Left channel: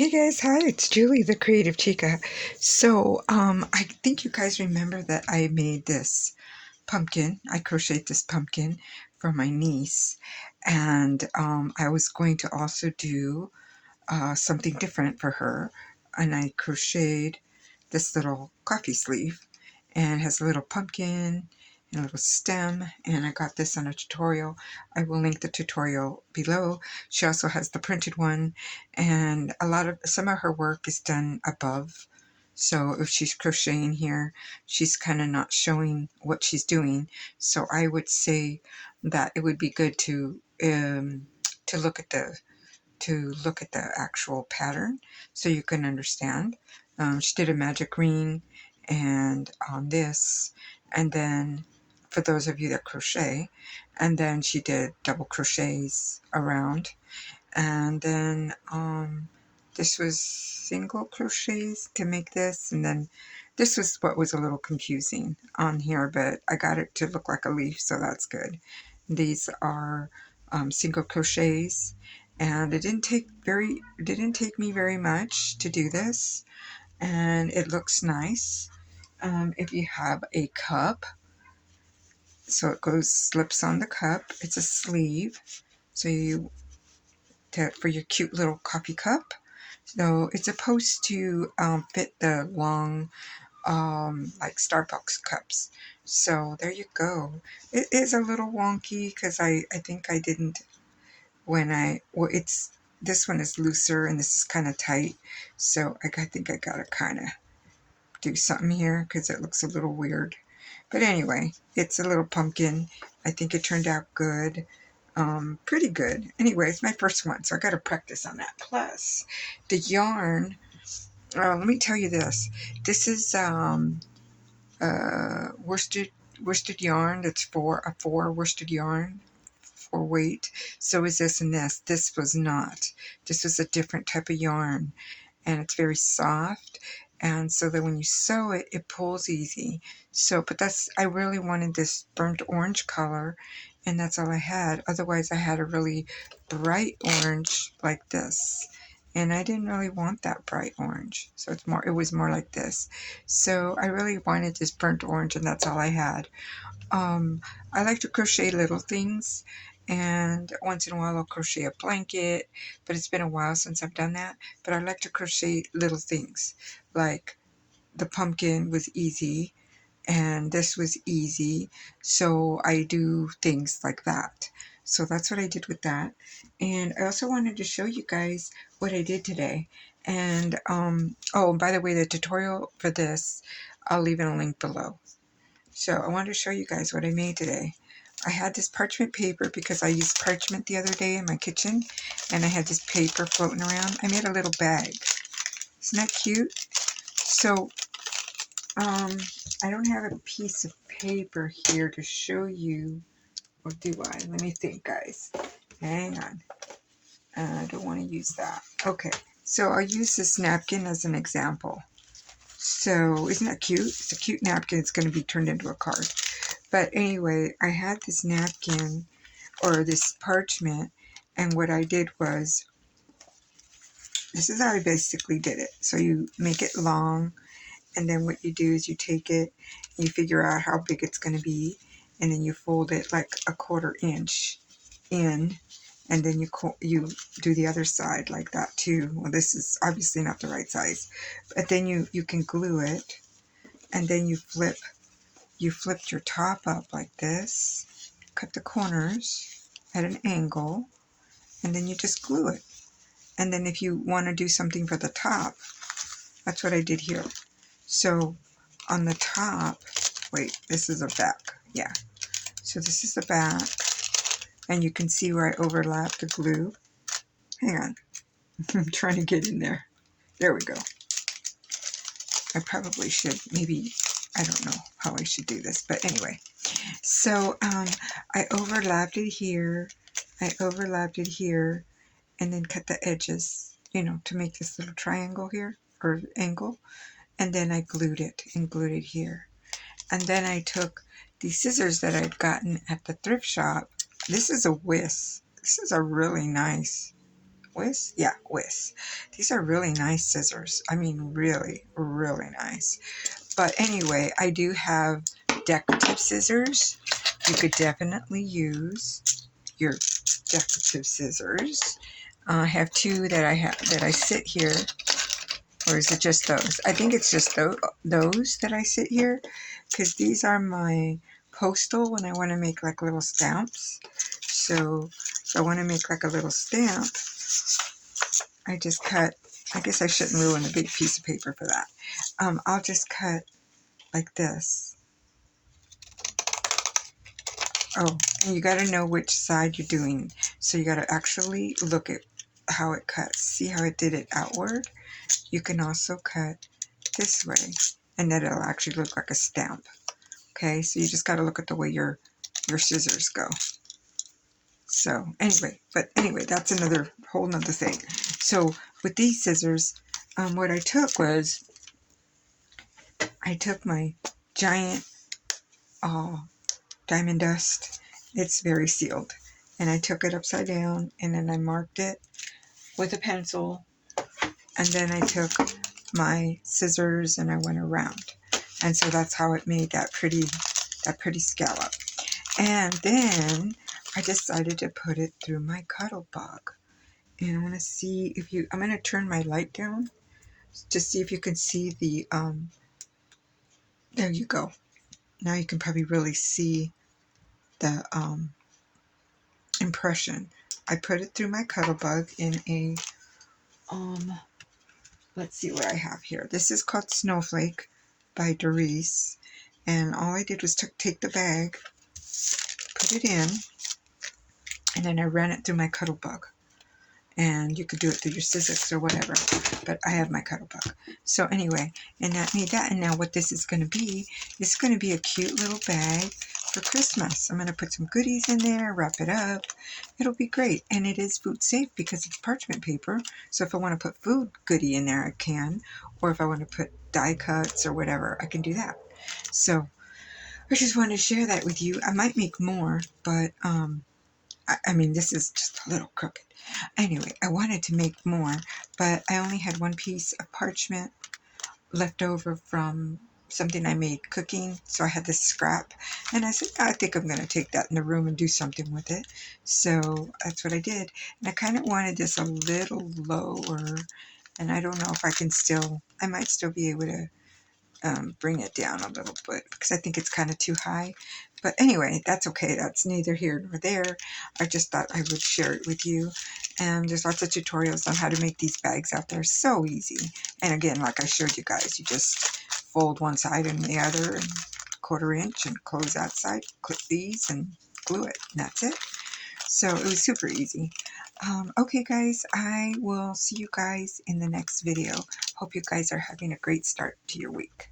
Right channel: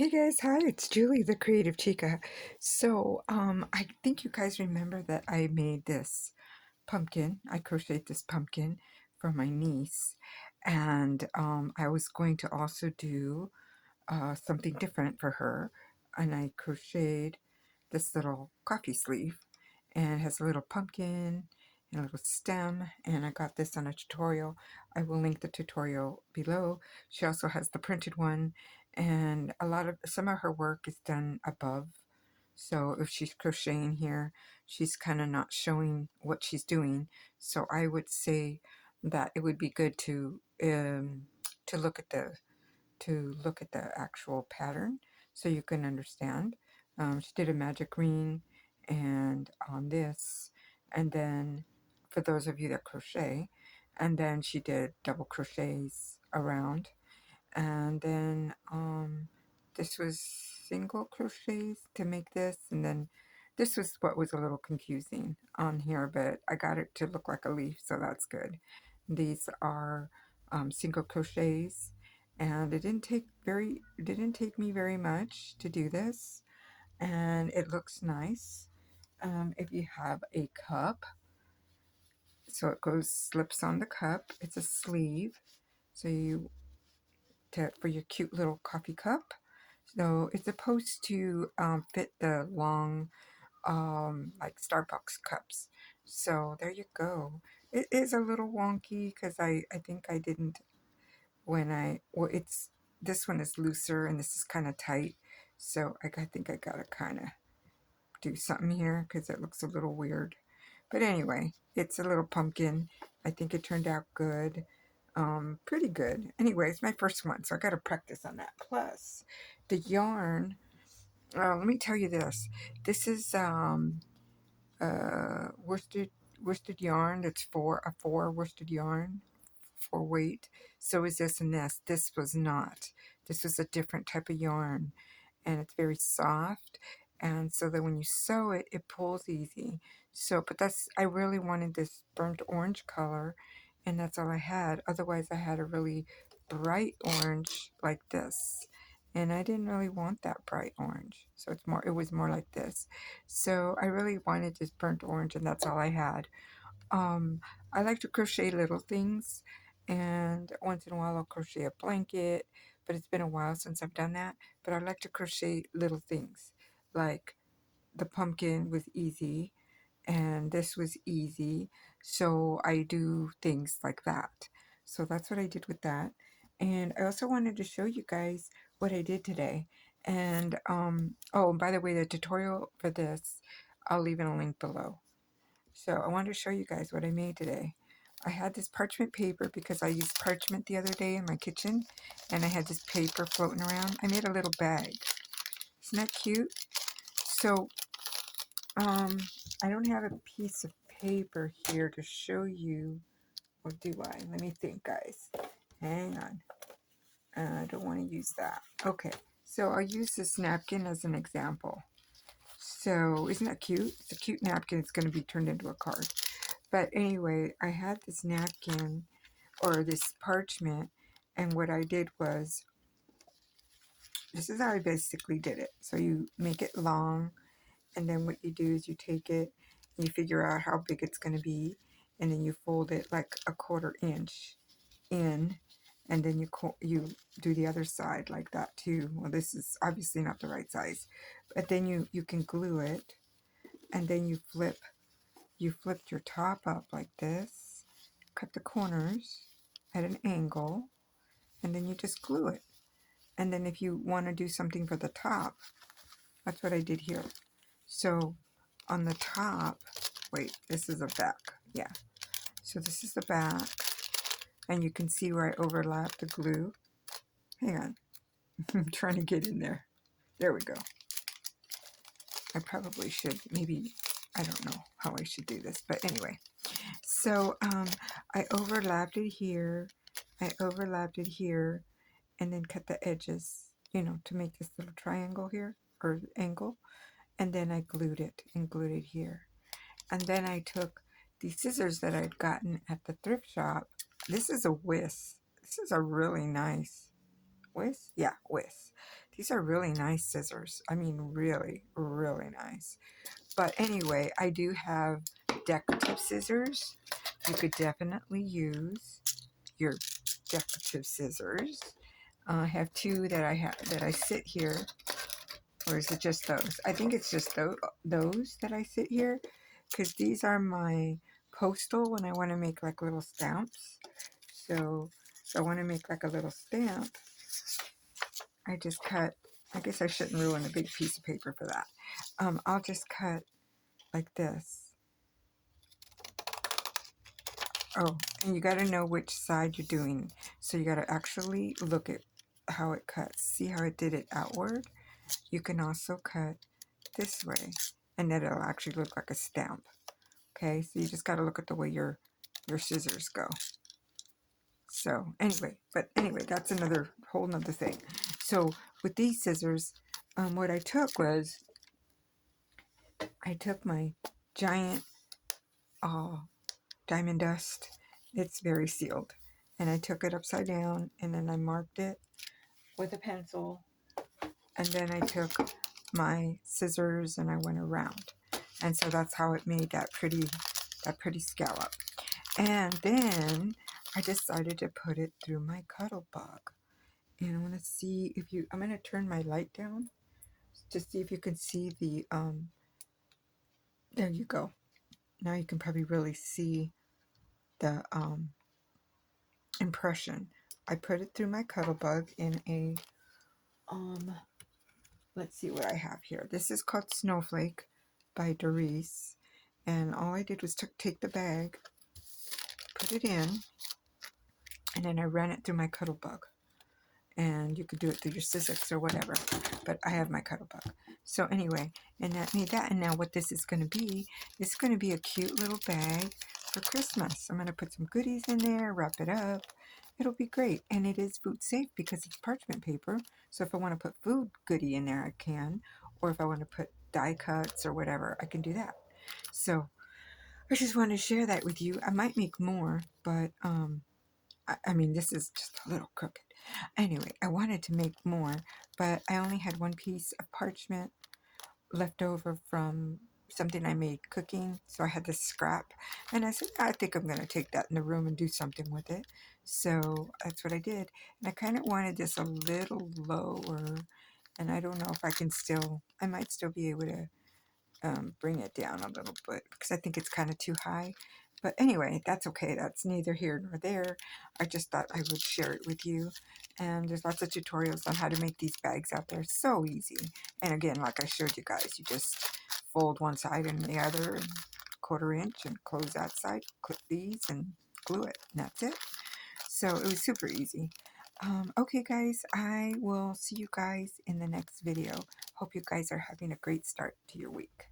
Hey guys, hi, it's Julie, the Creative Chica. So, I think you guys remember that I made this pumpkin. I crocheted this pumpkin for my niece, and I was going to also do something different for her, and I crocheted this little coffee sleeve, and it has a little pumpkin and a little stem, and I got this on a tutorial. I will link the tutorial below. She also has the printed one, and some of her work is done above. So if she's crocheting here, she's kind of not showing what she's doing. So I would say that it would be good to look at the actual pattern so you can understand. She did a magic ring and on this, and then for those of you that crochet, and then she did double crochets around, and then this was single crochets to make this, and then this was what was a little confusing on here, but I got it to look like a leaf, so that's good. These are single crochets, and it didn't take me very much to do this, and it looks nice. If you have a cup, so it slips on the cup. It's a sleeve, so for your cute little coffee cup. So it's supposed to fit the long, like Starbucks cups. So there you go. It is a little wonky because I think I didn't this one is looser and this is kind of tight. So I think I gotta kind of do something here because it looks a little weird. But anyway, it's a little pumpkin. I think it turned out good. Pretty good. Anyway, it's my first one, so I got to practice on that. Plus, the yarn. Let me tell you this. This is worsted yarn. That's a 4 worsted yarn for weight. So is this and this. This was not. This was a different type of yarn, and it's very soft. And so that when you sew it, it pulls easy. So, but I really wanted this burnt orange color, and that's all I had. Otherwise, I had a really bright orange like this. And I didn't really want that bright orange. So it was more like this. So I really wanted this burnt orange, and that's all I had. Um, I like to crochet little things, and once in a while I'll crochet a blanket, but it's been a while since I've done that. But I like to crochet little things, like the pumpkin was easy, and this was easy, so I do things like that. So that's what I did with that. And I also wanted to show you guys what I did today. And oh, and by the way, the tutorial for this, I'll leave in a link below. So I wanted to show you guys what I made today. I had this parchment paper because I used parchment the other day in my kitchen, and I had this paper floating around. I made a little bag. Isn't that cute? So I don't have a piece of paper here to show you, or do I? Let me think, guys. Hang on. I don't want to use that. Okay, so I'll use this napkin as an example. So isn't that cute? It's a cute napkin. It's going to be turned into a card. But anyway, I had this napkin or this parchment, and what I did was, this is how I basically did it. So you make it long, and then what you do is you take it, and you figure out how big it's going to be, and then you fold it like a 1/4 inch in, and then you do the other side like that too. Well, this is obviously not the right size, but then you can glue it, and then you flipped your top up like this, cut the corners at an angle, and then you just glue it. And then if you want to do something for the top, that's what I did here. So on the top, wait, this is a back. Yeah. So this is the back, and you can see where I overlapped the glue. Hang on. I'm trying to get in there. There we go. I probably should, maybe, I don't know how I should do this, but anyway. So I overlapped it here, and then cut the edges, to make this little triangle here, or angle, and then I glued it here. And then I took these scissors that I'd gotten at the thrift shop. This is a whisk. This is a really nice Wiss? Yeah, Wiss. These are really nice scissors. I mean, really, really nice. But anyway, I do have decorative scissors. You could definitely use your decorative scissors. I have two that I sit here, or is it just those? I think it's just those that I sit here, because these are my postal when I want to make like little stamps. So if I want to make like a little stamp, I just cut. I guess I shouldn't ruin a big piece of paper for that. I'll just cut like this. Oh, and you got to know which side you're doing. So you got to actually look at how it cuts. See how it did it outward? You can also cut this way, and then it'll actually look like a stamp. Okay, so you just got to look at the way your scissors go. So anyway, that's another whole nother thing. So with these scissors, what I took was I took my giant diamond dust. It's very sealed, and I took it upside down, and then I marked it with a pencil, and then I took my scissors and I went around, and so that's how it made that pretty scallop. And then I decided to put it through my cuddle bug, and I want to see if you. I'm going to turn my light down to see if you can see the. There you go. Now you can probably really see the impression. I put it through my cuddle bug in a let's see what I have here. This is called Snowflake by Doris, and all I did was take the bag, put it in, and then I ran it through my cuddle bug. And you could do it through your scissors or whatever, but I have my cuddle bug. So anyway, and that made that. And now what this is going to be, it's going to be a cute little bag for Christmas. I'm going to put some goodies in there, wrap it up. It'll be great. And it is food safe because it's parchment paper. So if I want to put food goodie in there, I can. Or if I want to put die cuts or whatever, I can do that. So I just wanted to share that with you. I might make more, but I mean, this is just a little crooked. Anyway, I wanted to make more, but I only had one piece of parchment left over from something I made cooking, so I had this scrap, and I said, I think I'm going to take that in the room and do something with it. So that's what I did, and I kind of wanted this a little lower, and I don't know if I might still be able to bring it down a little bit because I think it's kind of too high. But anyway, that's okay. That's neither here nor there. I just thought I would share it with you. And there's lots of tutorials on how to make these bags out there. So easy. And again, like I showed you guys, you just fold one side and the other and 1/4 inch and close that side, clip these and glue it. And that's it. So it was super easy. Okay, guys, I will see you guys in the next video. Hope you guys are having a great start to your week.